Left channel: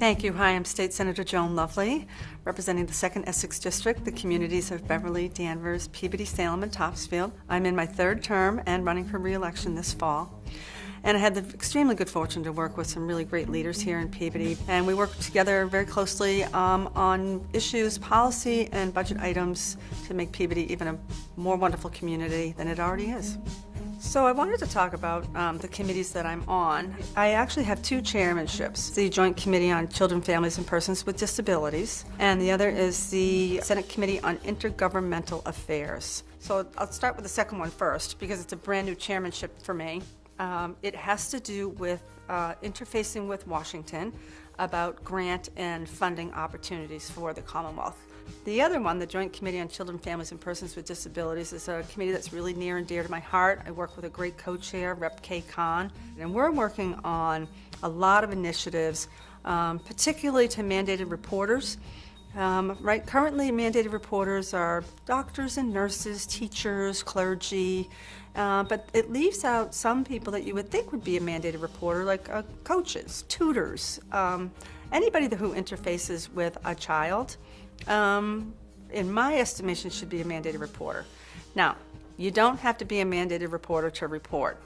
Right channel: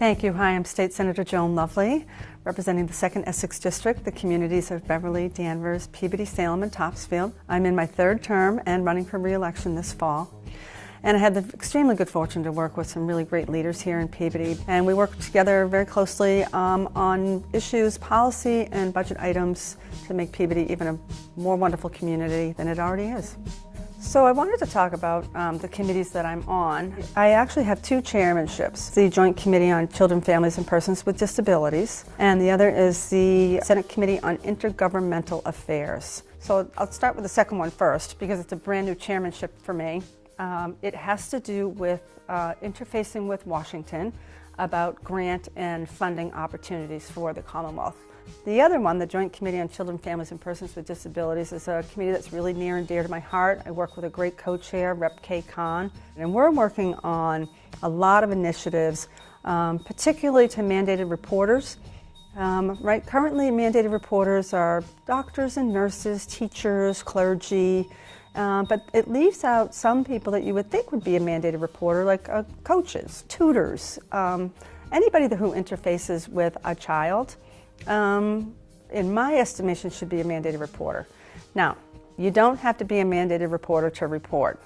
Thank you. Hi, I'm State Senator Joan Lovely, representing the 2nd Essex District, the communities of Beverly, Danvers, Peabody, Salem, and Topsfield. I'm in my 3rd term and running for re-election this fall. And I had the extremely good fortune to work with some really great leaders here in Peabody. And we work together very closely on issues, policy, and budget items to make Peabody even a more wonderful community than it already is. So I wanted to talk about the committees that I'm on. I actually have 2 chairmanships. The Joint Committee on Children, Families, and Persons with Disabilities, and the other is the Senate Committee on Intergovernmental Affairs. So I'll start with the second one first because it's a brand new chairmanship for me. It has to do with interfacing with Washington about grant and funding opportunities for the Commonwealth. The other one, the Joint Committee on Children, Families, and Persons with Disabilities, is a committee that's really near and dear to my heart. I work with a great co-chair, Rep. Kay Khan, and we're working on a lot of initiatives, particularly to mandated reporters. Currently, mandated reporters are doctors and nurses, teachers, clergy, but it leaves out some people that you would think would be a mandated reporter, like coaches, tutors, anybody who interfaces with a child. In my estimation, should be a mandated reporter. Now, you don't have to be a mandated reporter to report.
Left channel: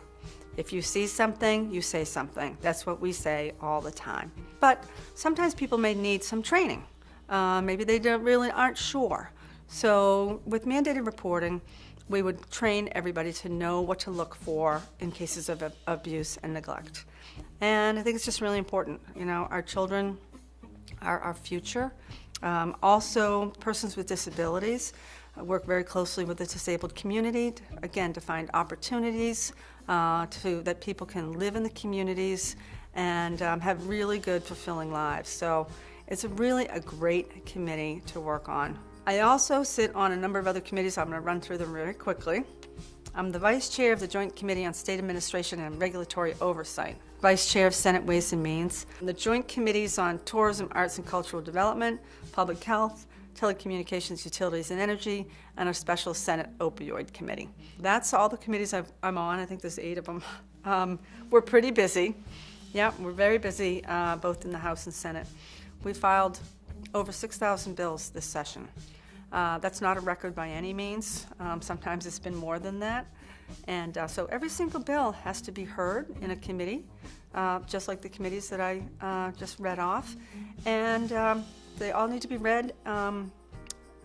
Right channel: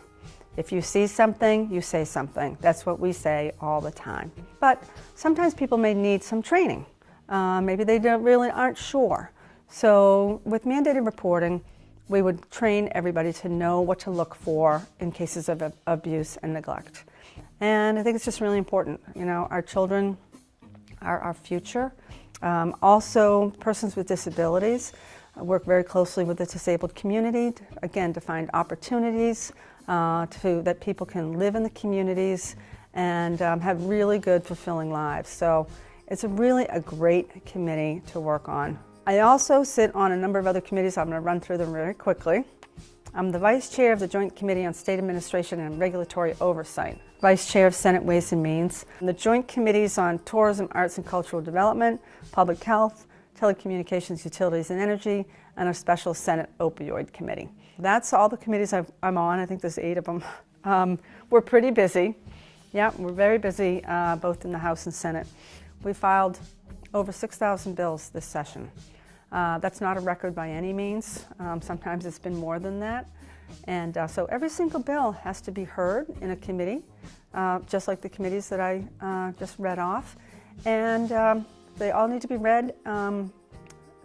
If you see something, you say something. That's what we say all the time. But sometimes people may need some training. Maybe they aren't sure. So with mandated reporting, we would train everybody to know what to look for in cases of abuse and neglect. And I think it's just really important. You know, our children are our future. Also, persons with disabilities. I work very closely with the disabled community, to find opportunities that people can live in the communities and have really good, fulfilling lives. So it's really a great committee to work on. I also sit on a number of other committees. I'm going to run through them very quickly. I'm the Vice Chair of the Joint Committee on State Administration and Regulatory Oversight, Vice Chair of Senate Ways and Means, the Joint Committees on Tourism, Arts and Cultural Development, Public Health, Telecommunications, Utilities and Energy, and our Special Senate Opioid Committee. That's all the committees I'm on. I think there's 8 of them. We're pretty busy. Yeah, we're very busy, both in the House and Senate. We filed over 6,000 bills this session. That's not a record by any means. Sometimes it's been more than that. And so every single bill has to be heard in a committee, just like the committees that I just read off. And they all need to be read,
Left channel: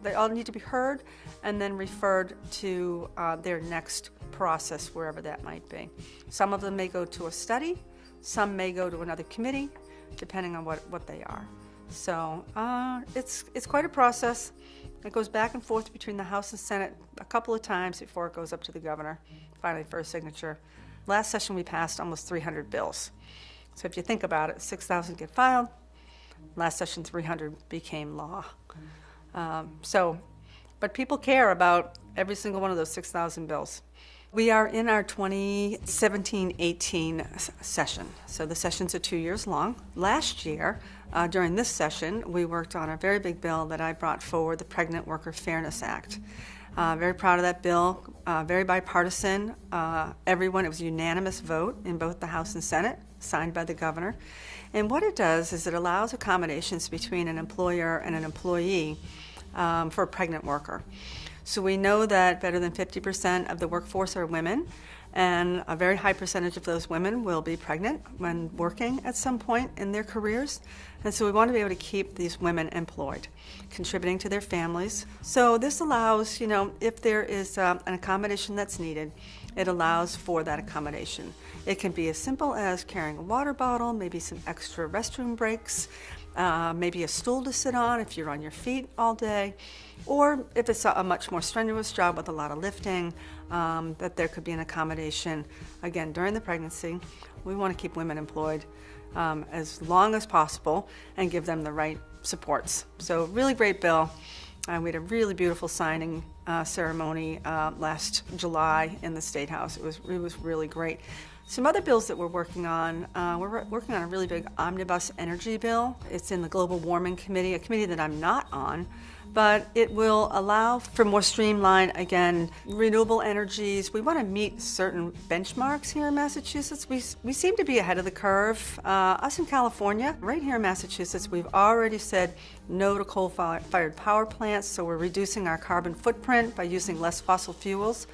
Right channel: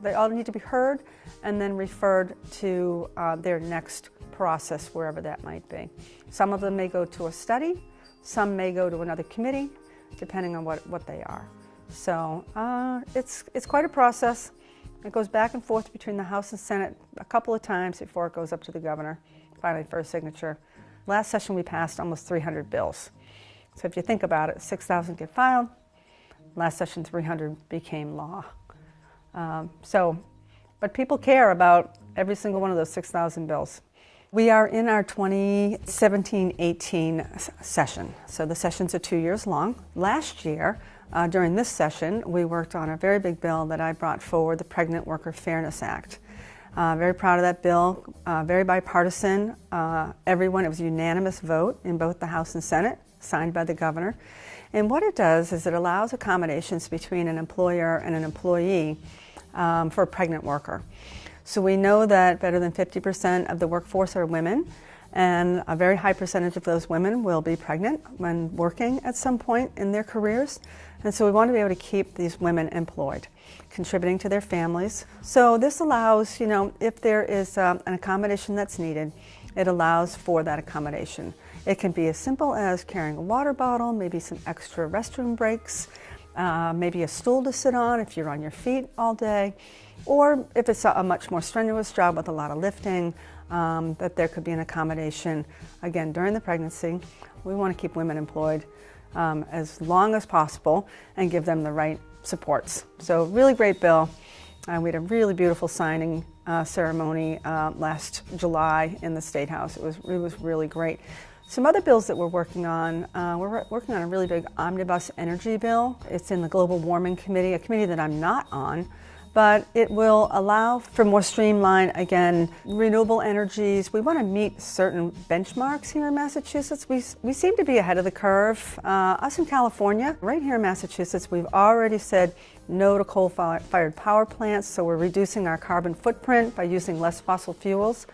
they all need to be heard, and then referred to their next process, wherever that might be. Some of them may go to a study, some may go to another committee, depending on what they are. So it's quite a process. It goes back and forth between the House and Senate a couple of times before it goes up to the governor, finally for a signature. Last session we passed almost 300 bills. So if you think about it, 6,000 get filed. Last session 300 became law. But people care about every single one of those 6,000 bills. We are in our 2017-18 session. So the sessions are 2 years long. Last year, during this session, we worked on a very big bill that I brought forward, the Pregnant Worker Fairness Act. Very proud of that bill, very bipartisan. It was a unanimous vote in both the House and Senate, signed by the governor. And what it does is it allows accommodations between an employer and an employee for a pregnant worker. So we know that better than 50% of the workforce are women, and a very high percentage of those women will be pregnant when working at some point in their careers. And so we want to be able to keep these women employed, contributing to their families. So this allows, if there is an accommodation that's needed, it allows for that accommodation. It can be as simple as carrying a water bottle, maybe some extra restroom breaks, maybe a stool to sit on if you're on your feet all day, or if it's a much more strenuous job with a lot of lifting, that there could be an accommodation. Again, during the pregnancy, we want to keep women employed as long as possible and give them the right supports. So really great bill. We had a really beautiful signing ceremony last July in the State House. It was really great. Some other bills that we're working on a really big omnibus energy bill. It's in the Global Warming Committee, a committee that I'm not on, but it will allow for more streamlined, again, renewable energies. We want to meet certain benchmarks here in Massachusetts. We seem to be ahead of the curve. Us in California, right here in Massachusetts, we've already said no to coal-fired power plants, so we're reducing our carbon footprint by using less fossil fuels.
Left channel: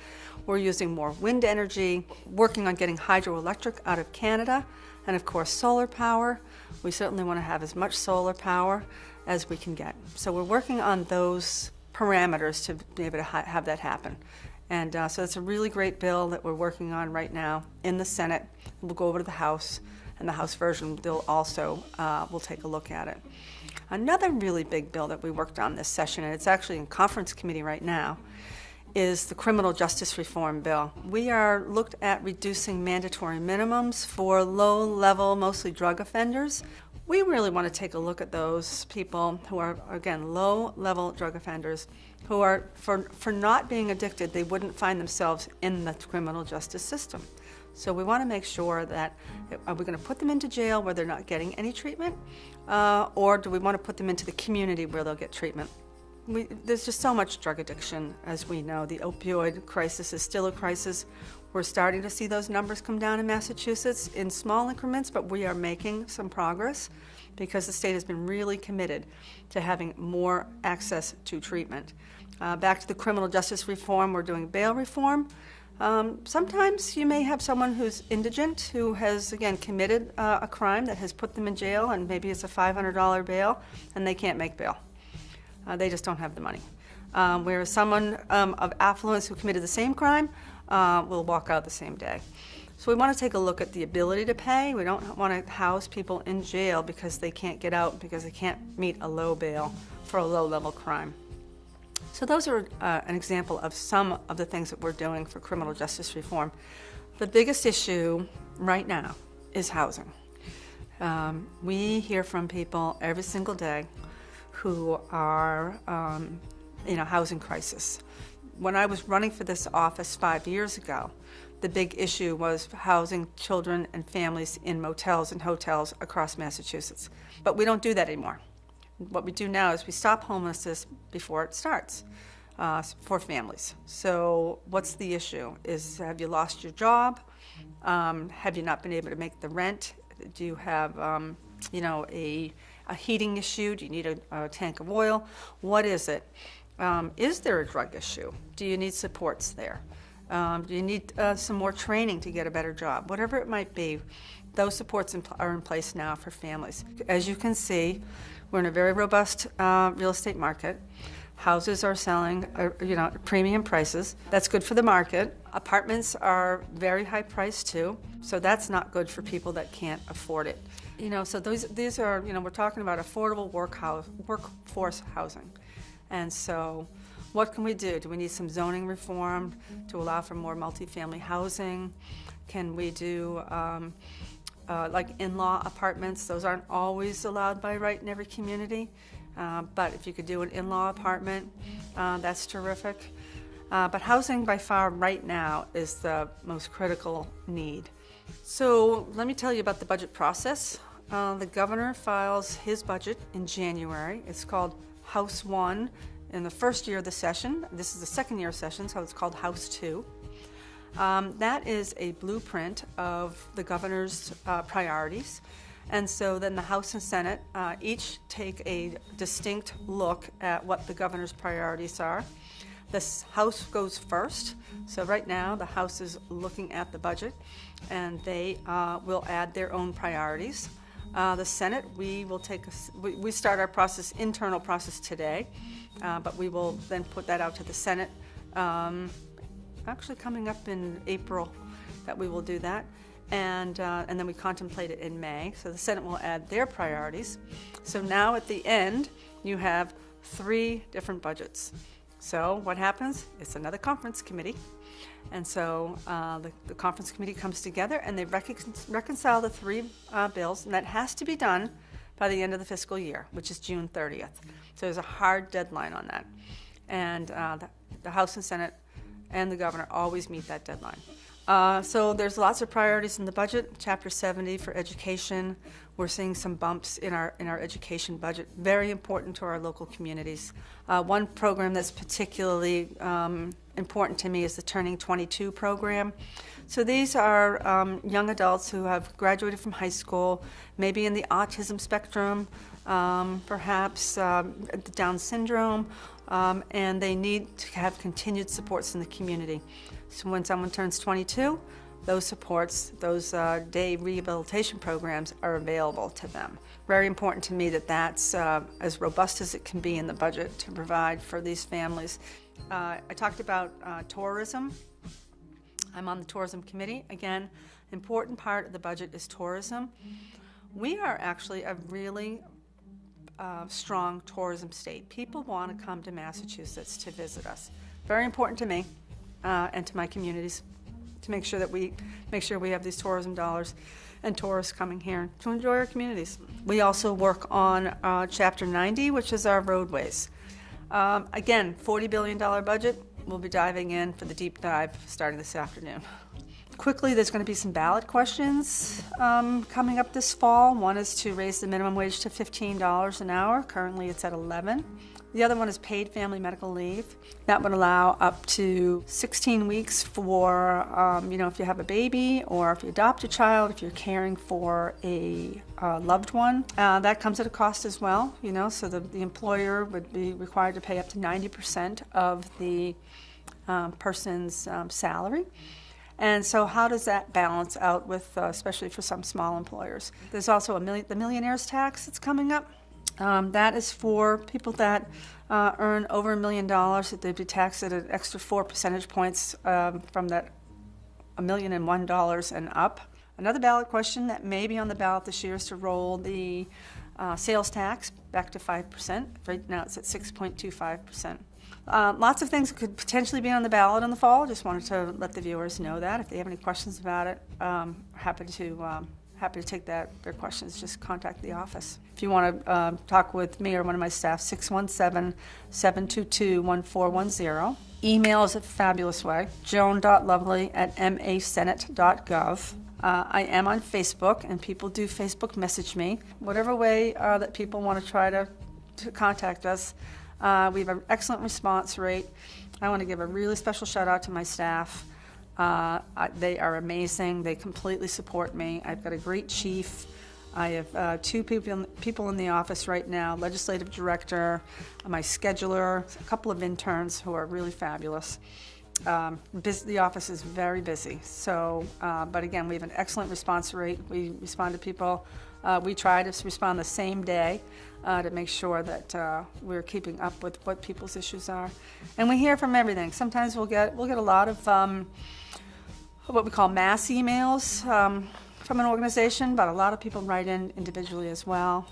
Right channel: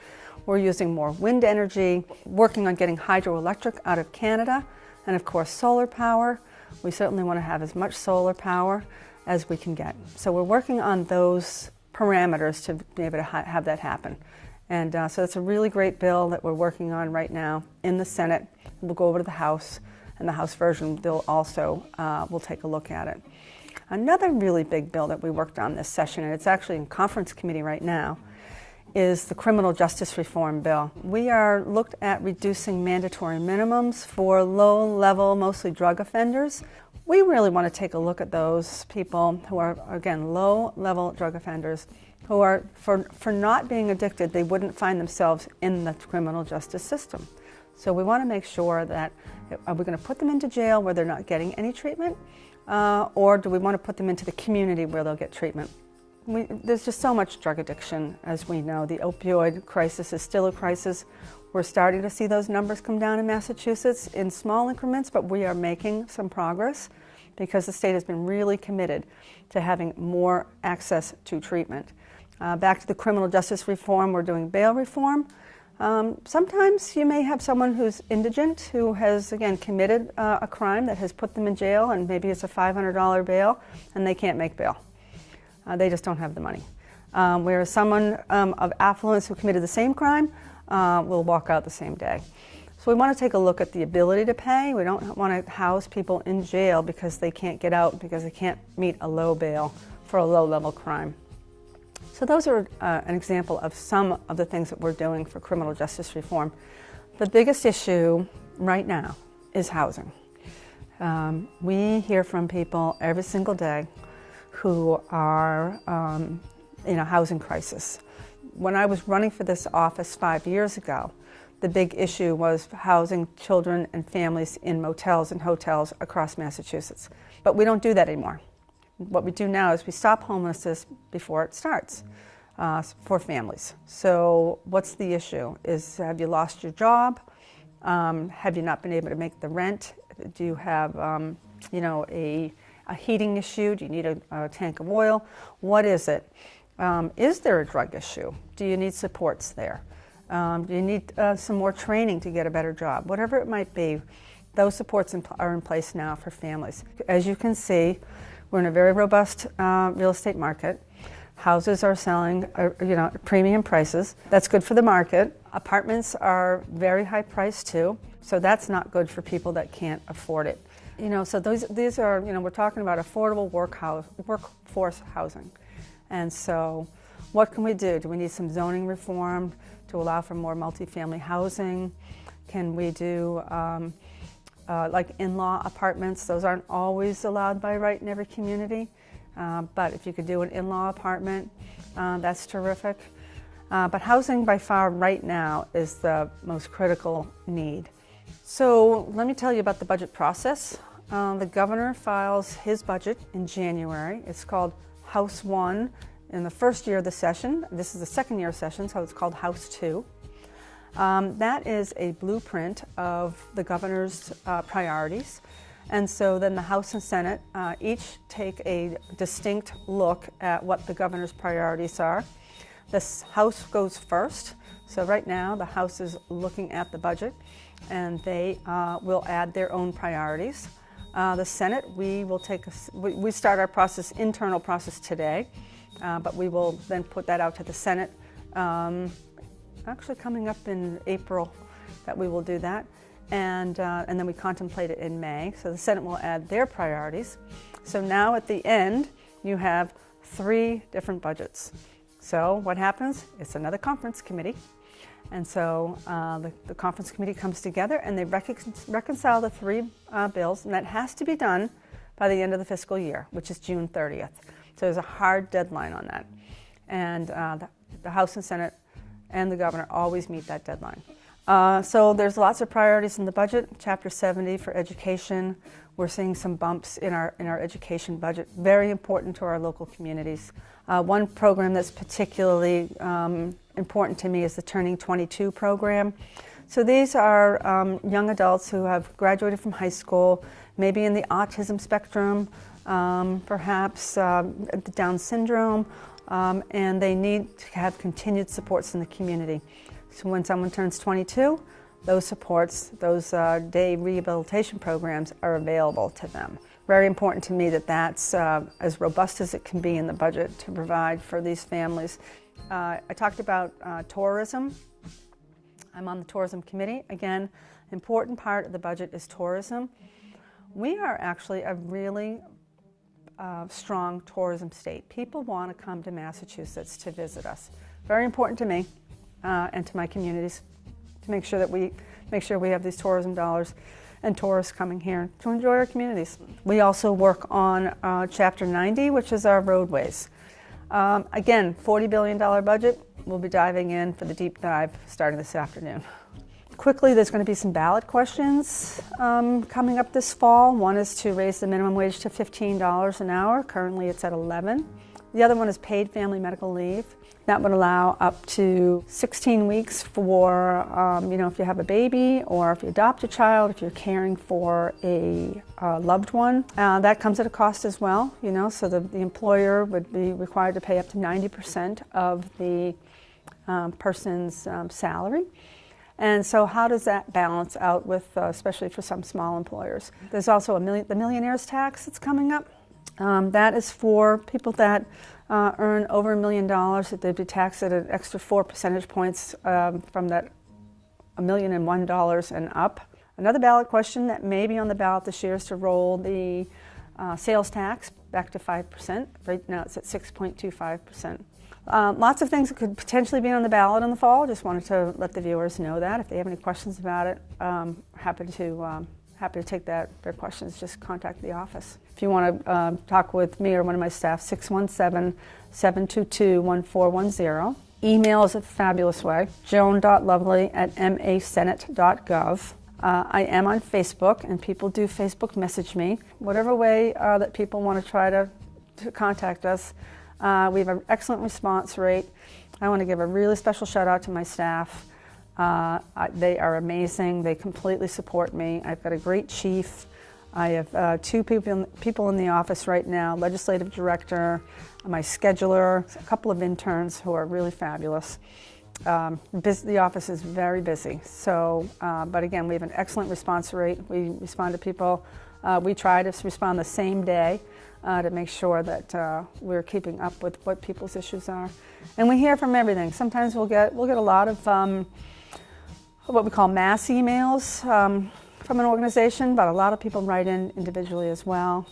We're using more wind energy, working on getting hydroelectric out of Canada, and of course solar power. We certainly want to have as much solar power as we can get. So we're working on those parameters to be able to have that happen. And so it's a really great bill that we're working on right now in the Senate. We'll go over to the House, and the House version, they'll also will take a look at it. Another really big bill that we worked on this session, and it's actually in conference committee right now, is the criminal justice reform bill. We are looked at reducing mandatory minimums for low-level, mostly drug offenders. We really want to take a look at those people who are, again, low-level drug offenders who are, for not being addicted, they wouldn't find themselves in the criminal justice system. So we want to make sure that, are we going to put them into jail where they're not getting any treatment? Or do we want to put them into the community where they'll get treatment? There's just so much drug addiction, as we know. The opioid crisis is still a crisis. We're starting to see those numbers come down in Massachusetts in small increments, but we are making some progress because the state has been really committed to having more access to treatment. Back to the criminal justice reform, we're doing bail reform. Sometimes you may have someone who's indigent, who has, again, committed a crime that has put them in jail, and maybe it's a $500 bail, and they can't make bail. They just don't have the money. Whereas someone of affluence who committed the same crime will walk out the same day. So we want to take a look at the ability to pay. We don't want to house people in jail because they can't get out, because they can't meet a low bail for a low-level crime. So those are an example of some of the things that we're doing for criminal justice reform. The biggest issue right now is housing. We hear from people every single day who are in a housing crisis. When I was running for this office 5 years ago, the big issue was housing children and families in motels and hotels across Massachusetts. But we don't do that anymore. What we do now is we stop homelessness before it starts for families. So what's the issue? Have you lost your job? Have you not been able to make the rent? Do you have a heating issue? Do you need a tank of oil? What is it? Is there a drug issue? Do you need supports there? Do you need some more training to get a better job? Whatever it might be, those supports are in place now for families. As you can see, we're in a very robust real estate market. Houses are selling, premium prices. That's good for the market. Apartments are very high priced too, so that's not good for people that can't afford it. So these are, we're talking about affordable workforce housing. And so what can we do? Do we need some zoning reform to allow for more multifamily housing? Can we do like in-law apartments? Those aren't always allowed by right in every community, but if you could do an in-law apartment, that's terrific. But housing by far right now is the most critical need. So let me tell you about the budget process. The governor files his budget in January. It's called House 1 in the first year of the session. This is the second year session, so it's called House 2. That is a blueprint of the governor's priorities. And so then the House and Senate each take a distinct look at what the governor's priorities are. The House goes first. So right now the House is looking at the budget, and they will add their own priorities. The Senate, we start our internal process today, but we will then put that out to the Senate. Actually coming up in April that we will do that, and then we contemplate it in May. So the Senate will add their priorities. So now at the end, you have 3 different budgets. So what happens? It's another conference committee. And so the conference committee comes together and they reconcile the 3 bills, and that has to be done by the end of the fiscal year, which is June 30th. So there's a hard deadline on that. And the House and Senate and the governor always meet that deadline. So there's lots of priorities in the budget. Chapter 70 for education. We're seeing some bumps in our education budget, very important to our local communities. One program that's particularly important to me is the Turning 22 program. So these are young adults who have graduated from high school, maybe in the autism spectrum, perhaps the Down syndrome, and they need to have continued supports in the community. So when someone turns 22, those supports, those day rehabilitation programs are available to them. Very important to me that that's as robust as it can be in the budget to provide for these families. I talked about tourism. I'm on the tourism committee. Again, important part of the budget is tourism. We are actually a really strong tourism state. People want to come to Massachusetts to visit us. Very important to me and to my communities to make sure that we have these tourism dollars and tourists coming here to enjoy our communities. We also work on Chapter 90, which is our roadways. Again, $40 billion budget. We'll be diving in for the deep dive starting this afternoon. Quickly, there's going to be some ballot questions coming up this fall. One is to raise the minimum wage to $15 an hour. Currently, it's at $11. The other one is paid family medical leave. That would allow up to 16 weeks for, if you have a baby or if you adopt a child, if you're caring for a loved one. That comes at a cost as well, so the employer would be required to pay up to 90% of the person's salary. And so how does that balance out with, especially for some small employers? There's also the Millionaires Tax that's coming up. That is for people that earn over $1 million, that they'd be taxed at an extra 4 percentage points from that $1,001 and up. Another ballot question that may be on the ballot this year is to roll the sales tax back to 5%. Right now it's at 6.25%. Lots of things that could potentially be on the ballot in the fall. Just wanted to let the viewers know that. If they have any questions about it, happy to take their questions. Just contact the office. If you want to talk with me or one of my staff, 617-722-1410. Email is a fabulous way, joan.lovely@masenate.gov. I am on Facebook, and people do Facebook message me. Whatever way that people want to try to contact us. We have an excellent response rate. I want to give a really special shout out to my staff. They are amazing. They completely support me. I've got a great chief. I have 2 people in the office right now, legislative director, my scheduler, a couple of interns who are really fabulous. The office is very busy. So, but again, we have an excellent response rate. We respond to people. We try to respond the same day to make sure that we're keeping up with what people's issues are. And we hear from everything. Sometimes we'll get a lot of what we call mass emails from an organization, but a lot of people write in individually as well.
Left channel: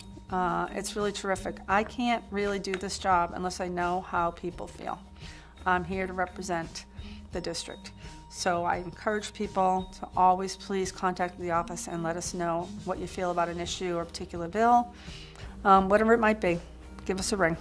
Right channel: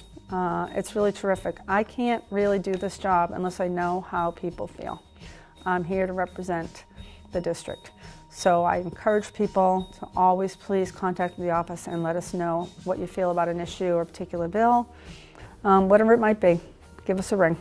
It's really terrific. I can't really do this job unless I know how people feel. I'm here to represent the district. So I encourage people to always please contact the office and let us know what you feel about an issue or a particular bill, whatever it might be. Give us a ring.